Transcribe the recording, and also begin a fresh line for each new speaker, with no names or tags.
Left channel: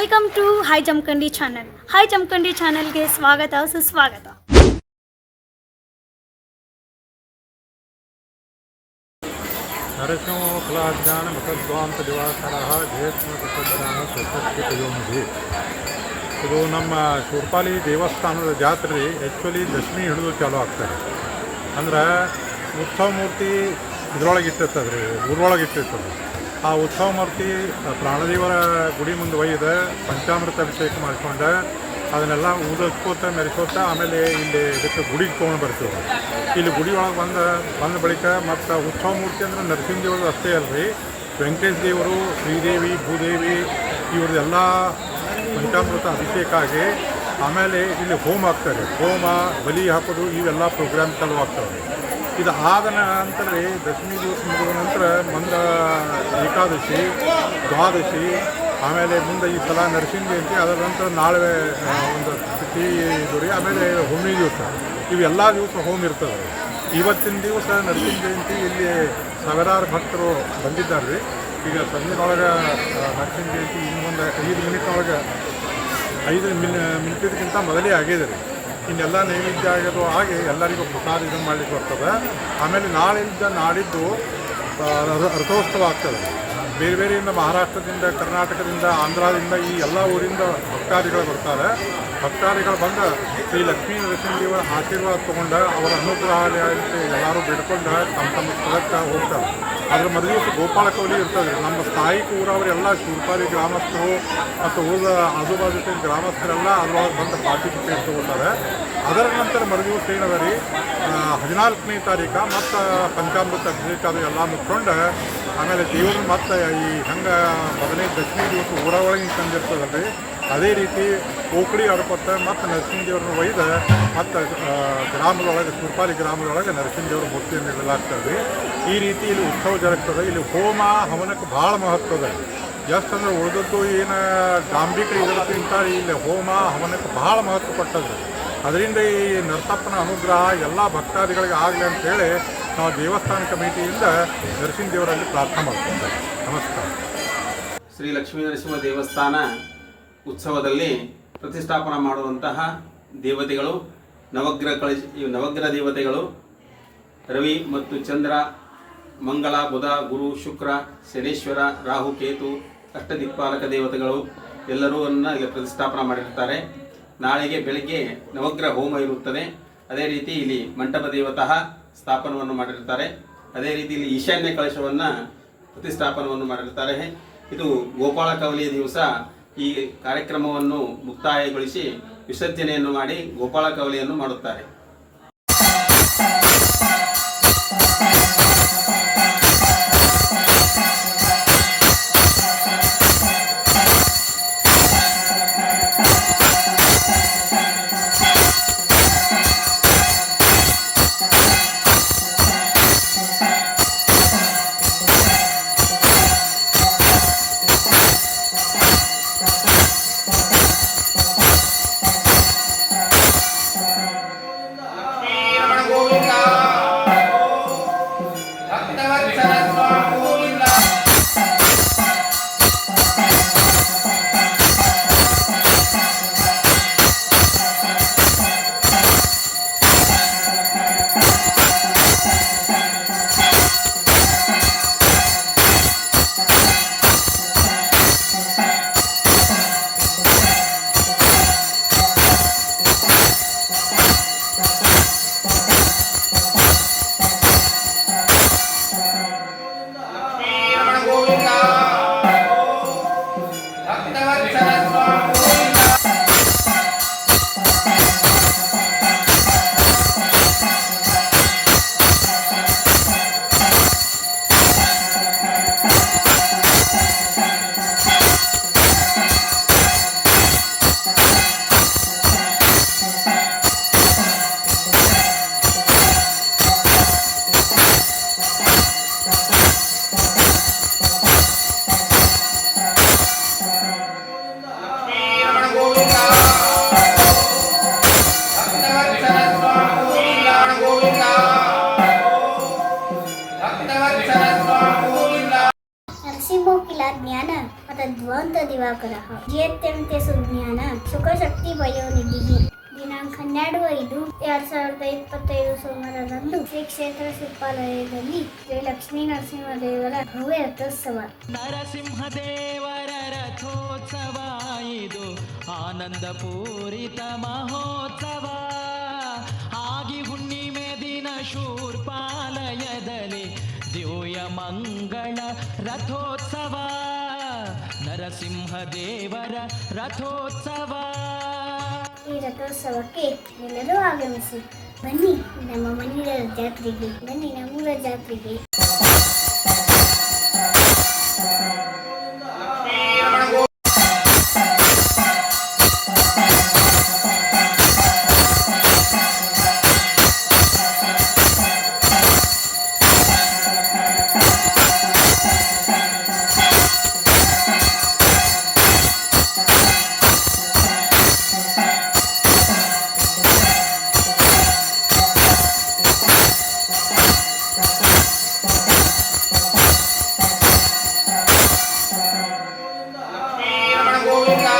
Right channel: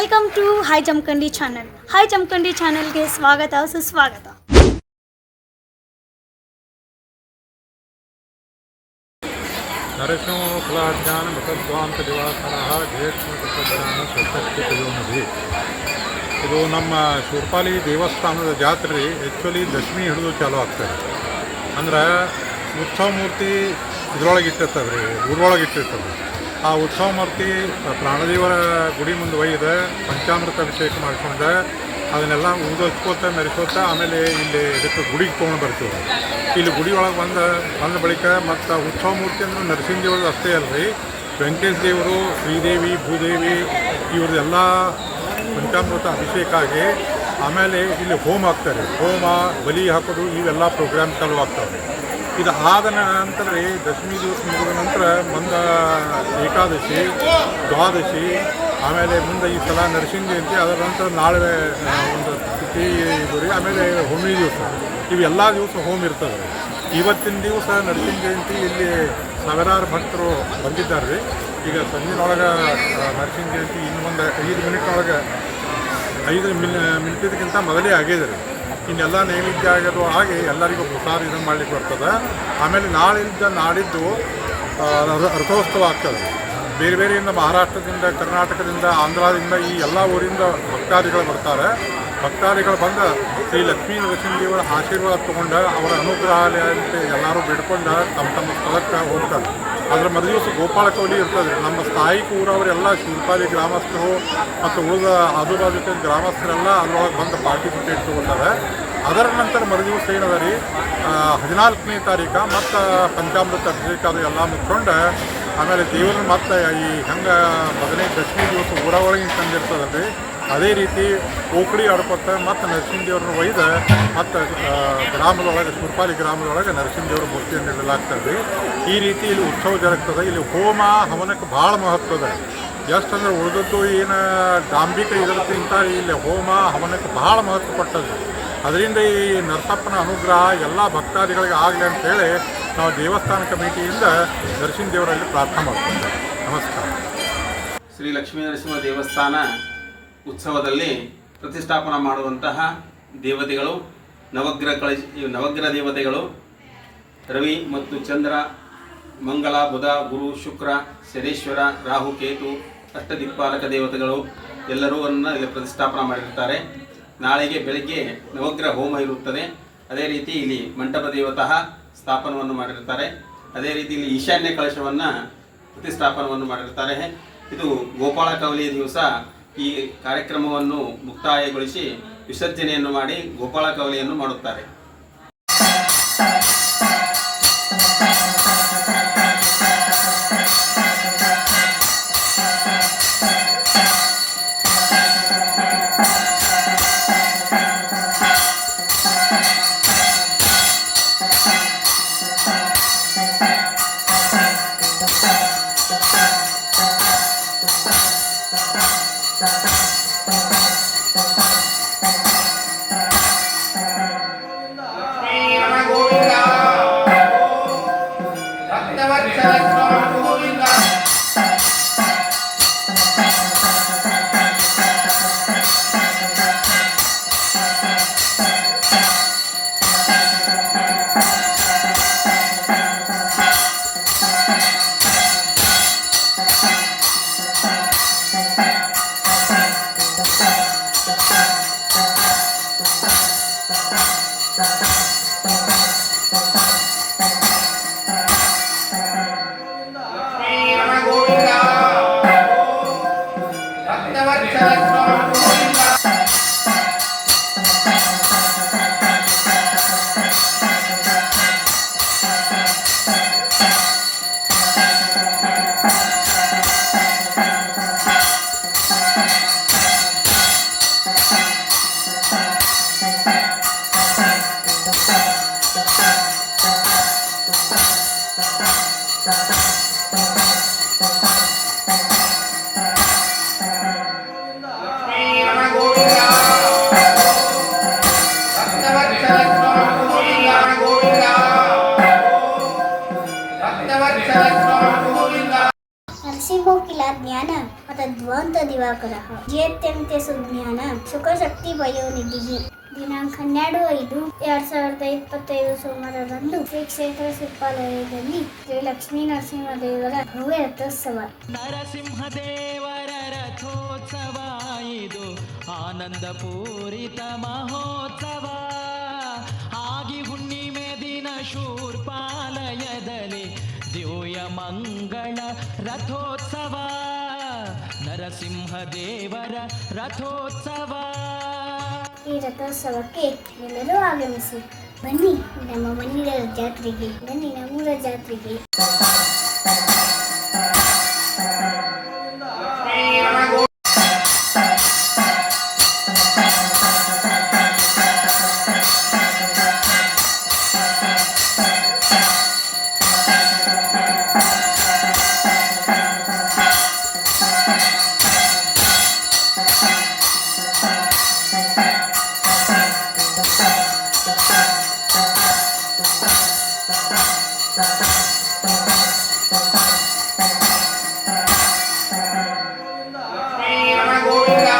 Welcome to hi Jamkhandi channel hi Jamkhandi ಚಾನಲ್ಗೆ ಸ್ವಾಗತ, ಸುಸ್ವಾಗತ.
ನರಸಿಂಹ ಫಲಾಜ್ಞಾನ ಮತದ್ವಾಂತ ದಿವಾಕರ ಜಯತ್ಮ ತತ್ವಜ್ಞಾನ ಇದು ನಮ್ಮ ಶೂರ್ಪಾಲಿ ದೇವಸ್ಥಾನದ ಜಾತ್ರೆ ಆ್ಯಕ್ಚುಲಿ ದಶಮಿ ಹಿಡಿದು ಚಾಲೂ ಆಗ್ತದೆ. ಅಂದ್ರೆ ಉತ್ಸವ ಮೂರ್ತಿ ಇದ್ರೊಳಗೆ ಇಟ್ಟಿರ್ತದೆ ರೀ, ಊರೊಳಗೆ ಇಟ್ಟಿರ್ತದೆ. ಆ ಉತ್ಸವ ಮೂರ್ತಿ ಪ್ರಾಣದೇವರ ಗುಡಿ ಮುಂದೆ ಒಯ್ದು ಪಂಚಾಮೃತ ಅಭಿಷೇಕ ಮಾಡ್ಕೊಂಡು ಅದನ್ನೆಲ್ಲ ಊದೋಚ್ಕೋತ ಮೆರೆಸೋತ ಆಮೇಲೆ ಇಲ್ಲಿ ಇದಕ್ಕೆ ಗುಡಿಗೆ ತೊಗೊಂಡು ಬರ್ತೀವಿ. ಇಲ್ಲಿ ಗುಡಿ ಒಳಗೆ ಬಂದ ಬಂದ ಬಳಿಕ ಮತ್ತು ಉತ್ಸವ ಮೂರ್ತಿ ಅಂದ್ರೆ ನರಸಿಂಹ ದೇವ್ರದ್ದು ಅಷ್ಟೇ ಅಲ್ರಿ. ವೆಂಕಟೇಶ ದೇವರು, ಶ್ರೀದೇವಿ, ಭೂದೇವಿ ಇವ್ರದ್ದೆಲ್ಲ ಪಂಚಾಮೃತ ಅಭಿಷೇಕ ಆಗಿ ಆಮೇಲೆ ಇಲ್ಲಿ ಹೋಮ ಆಗ್ತಾರೆ ಹೋಮ, ಬಲಿ ಹಾಕೋದು, ಇವೆಲ್ಲ ಪ್ರೋಗ್ರಾಮ್ ಚಾಲು ಆಗ್ತಾವೆ ಇದು ಆದ ನಂತರ ರೀ ದಶಮಿ ದಿವಸ ಮುಗಿದ ನಂತರ ಮುಂದ ಏಕಾದಶಿ, ದ್ವಾದಶಿ, ಆಮೇಲೆ ಮುಂದೆ ಈ ಸಲ ನರಸಿಂಹ ಜಯಂತಿ ಅದರ ನಂತರ ನಾಳೆ ಒಂದು ತಿಥಿ ಇದು ರೀ ಆಮೇಲೆ ಹುಣ್ಣಿಮೆ ದಿವಸ. ಇವೆಲ್ಲ ದಿವಸ ಹೋಮ್ ಇರ್ತದೆ. ರೀ ಇವತ್ತಿನ ದಿವಸ ನರಸಿಂಹ ಜಯಂತಿ ಇಲ್ಲಿ ಸಾವಿರಾರು ಭಕ್ತರು ಬಂದಿದ್ದಾರೆ. ರೀ ಈಗ ಸಂಜೆನೊಳಗೆ ನರಸಿಂಹ ಜಯಂತಿ ಇನ್ನು ಮುಂದೆ ಐದು ಮಿನಿಟ್ನೊಳಗೆ ಐದು ಮಿನ್, ಮಿನಿಟಿದಕ್ಕಿಂತ ಮೊದಲೇ ಆಗಿದೆ ಇನ್ನೆಲ್ಲ ನೈವೇದ್ಯ ಆಗೋದು ಆಗಿ ಎಲ್ಲರಿಗೂ ಪ್ರಸಾದ ಇದನ್ನು ಮಾಡ್ಲಿಕ್ಕೆ ಬರ್ತದೆ. ಆಮೇಲೆ ನಾಳಿಂದ ನಾಡಿದ್ದು ರಥೋತ್ಸವ ಆಗ್ತದೆ ಬೇರೆ ಬೇರೆಯಿಂದ ಮಹಾರಾಷ್ಟ್ರದಿಂದ, ಕರ್ನಾಟಕದಿಂದ, ಆಂಧ್ರದಿಂದ ಈ ಎಲ್ಲ ಊರಿಂದ ಭಕ್ತಾದಿಗಳು ಬರ್ತಾರೆ. ಭಕ್ತಾದಿಗಳು ಬಂದು ಶ್ರೀ ಲಕ್ಷ್ಮೀ ನರಸಿಂಹದೇವರ ಆಶೀರ್ವಾದ ತೊಗೊಂಡು ಅವರ ಅನುಗ್ರಹ ಅಂತ ಎಲ್ಲರೂ ಬಿಡ್ಕೊಂಡು ತಮ್ಮ ತಮ್ಮ ಸ್ಥಳಕ್ಕೆ ಹೋಗ್ತಾರೆ. ಅದರ ಮರುದಿವಸ ಗೋಪಾಲ ಕೌಲಿ ಇರ್ತದೆ ನಮ್ಮ ಸ್ಥಾಯಿ ಊರವರೆಲ್ಲ ಶಿವಪಾಲಿ ಗ್ರಾಮಸ್ಥರು ಮತ್ತು ಉಳಿದ ಆಜುಬಾಜು ಗ್ರಾಮಸ್ಥರೆಲ್ಲ ಅದರೊಳಗೆ ಬಂದು ಪಾರ್ಟಿಸಿಪೇಟ್ ತೊಗೊಳ್ತಾರೆ ಅದರ ನಂತರ ಮರುದಿವಸ ಏನದ ರೀ? ಹದಿನಾಲ್ಕನೇ ತಾರೀಕು ಮತ್ತು ಪಂಚಾಮೃತ ಅಭಿಷೇಕ ಅದು ಎಲ್ಲ ಮುಚ್ಕೊಂಡು ಆಮೇಲೆ ದೇವ್ರನ್ನ ಮತ್ತೆ ಈ ಹೆಂಗೆ ಮೊದಲನೇ ದಶಮಿ ದಿವಸ ಊರ ಒಳಗಿನ ತಂದಿರ್ತದಲ್ರಿ ಅದೇ ರೀತಿ ಓಕಡಿ ಅಡಪತ್ತ ಮತ್ತು ನರಸಿಂಹ ದೇವ್ರನ್ನ ಒಯ್ದು ಮತ್ತು ಗ್ರಾಮದೊಳಗೆ, ಸುರ್ಪಾಲಿ ಗ್ರಾಮದೊಳಗೆ ನರಸಿಂಹ ದೇವ್ರ ಮೂರ್ತಿಯನ್ನು ಇಡಲಾಗ್ತದೆ ಈ ರೀತಿ ಇಲ್ಲಿ ಉತ್ಸವ ಜರುಗ್ತದೆ. ಇಲ್ಲಿ ಹೋಮ ಹವನಕ್ಕೆ ಭಾಳ ಮಹತ್ವ ಅದ ಎಷ್ಟು ಅಂದ್ರೆ ಉಳಿದದ್ದು ಏನು ಡಾಂಬಿಕ ಇದಕ್ಕಿಂತ ಇಲ್ಲಿ ಹೋಮ ಹವನಕ್ಕೆ ಭಾಳ ಮಹತ್ವ ಕೊಟ್ಟದ್ದು. ಅದರಿಂದ ಈ ನರಸಪ್ಪನ ಅನುಗ್ರಹ ಎಲ್ಲ ಭಕ್ತಾದಿಗಳಿಗೆ ಆಗಲಿ ಅಂತೇಳಿ ನಾವು ದೇವಸ್ಥಾನ ಕಮಿಟಿಯಿಂದ ನರಸಿಂಹ ದೇವರಲ್ಲಿ ಪ್ರಾರ್ಥನೆ ಮಾಡ್ತೇವೆ. ನಮಸ್ಕಾರ.
ಶ್ರೀ ಲಕ್ಷ್ಮೀ ನರಸಿಂಹ ದೇವಸ್ಥಾನ ಉತ್ಸವದಲ್ಲಿ ಪ್ರತಿಷ್ಠಾಪನ ಮಾಡುವಂತಹ ದೇವತೆಗಳು, ನವಗ್ರಹ ಇವು ನವಗ್ರಹ ದೇವತೆಗಳು, ರವಿ ಮತ್ತು ಚಂದ್ರ, ಮಂಗಳ, ಬುಧ, ಗುರು, ಶುಕ್ರ, ಶನೇಶ್ವರ, ರಾಹು, ಕೇತು, ಅಷ್ಟದಿಕ್ಪಾಲಕ ದೇವತೆಗಳು ಎಲ್ಲರೂ ಇಲ್ಲಿ ಪ್ರತಿಷ್ಠಾಪನ ಮಾಡಿರ್ತಾರೆ ನಾಳೆಗೆ ಬೆಳಗ್ಗೆ ನವಗ್ರಹ ಹೋಮ ಇರುತ್ತದೆ. ಅದೇ ರೀತಿ ಇಲ್ಲಿ ಮಂಟಪ ದೇವತಃ ಸ್ಥಾಪನವನ್ನು ಮಾಡಿರ್ತಾರೆ ಅದೇ ರೀತಿ ಇಲ್ಲಿ ಈಶಾನ್ಯ ಕಳಶವನ್ನು ಪ್ರತಿಷ್ಠಾಪನವನ್ನು ಮಾಡಿರ್ತಾರೆ ಇದು ಗೋಪಾಳ ಕವಲಿಯ ದಿವಸ ಈ ಕಾರ್ಯಕ್ರಮವನ್ನು ಮುಕ್ತಾಯಗೊಳಿಸಿ ವಿಸರ್ಜನೆಯನ್ನು ಮಾಡಿ ಗೋಪಾಳ ಕವಲೆಯನ್ನು ಮಾಡುತ್ತಾರೆ.
ದಿವಾಕರಃ ಜೇತ್ಯಂತೆ ಸುಜ್ಞಾನ, ಸುಖಶಕ್ತಿ ವಯೋನಿಧಿ ದಿನಾಂಕ ಹನ್ನೆರಡು ಐದು, ಎರಡ್ ಸಾವಿರದ ಇಪ್ಪತ್ತೈದು ಸೋಮವಾರದಂದು ಶ್ರೀ ಕ್ಷೇತ್ರ ಶಿಲ್ಪಾಲಯದಲ್ಲಿ ಶ್ರೀ ಲಕ್ಷ್ಮೀ ನರಸಿಂಹದೇವರ ಭವ್ಯ ರಥೋತ್ಸವ.
ನರಸಿಂಹದೇವರ ರಥೋತ್ಸವ ಇದು ಆನಂದ ಪೂರಿತ ಮಹೋತ್ಸವ. ಆಗಿ ಹುಣ್ಣಿಮೆ ದಿನ ಶೂರ್ಪಾಲಯದಲ್ಲಿ ದಿವ್ಯ ಮಂಗಳ ರಥೋತ್ಸವ. ನರಸಿಂಹದೇವರ ರಥೋತ್ಸವ.
ಈ ರಥೋತ್ಸವಕ್ಕೆ ಎಲ್ಲರೂ ಆಗಮಿಸಿ. ಬನ್ನಿ ನಮ್ಮ ಮಣ್ಣಿನ ಜಾತ್ರೆಗೆ ಬನ್ನಿ ನಮ್ಮೂರ ಜಾತ್ರೆಗೆ.
Lord.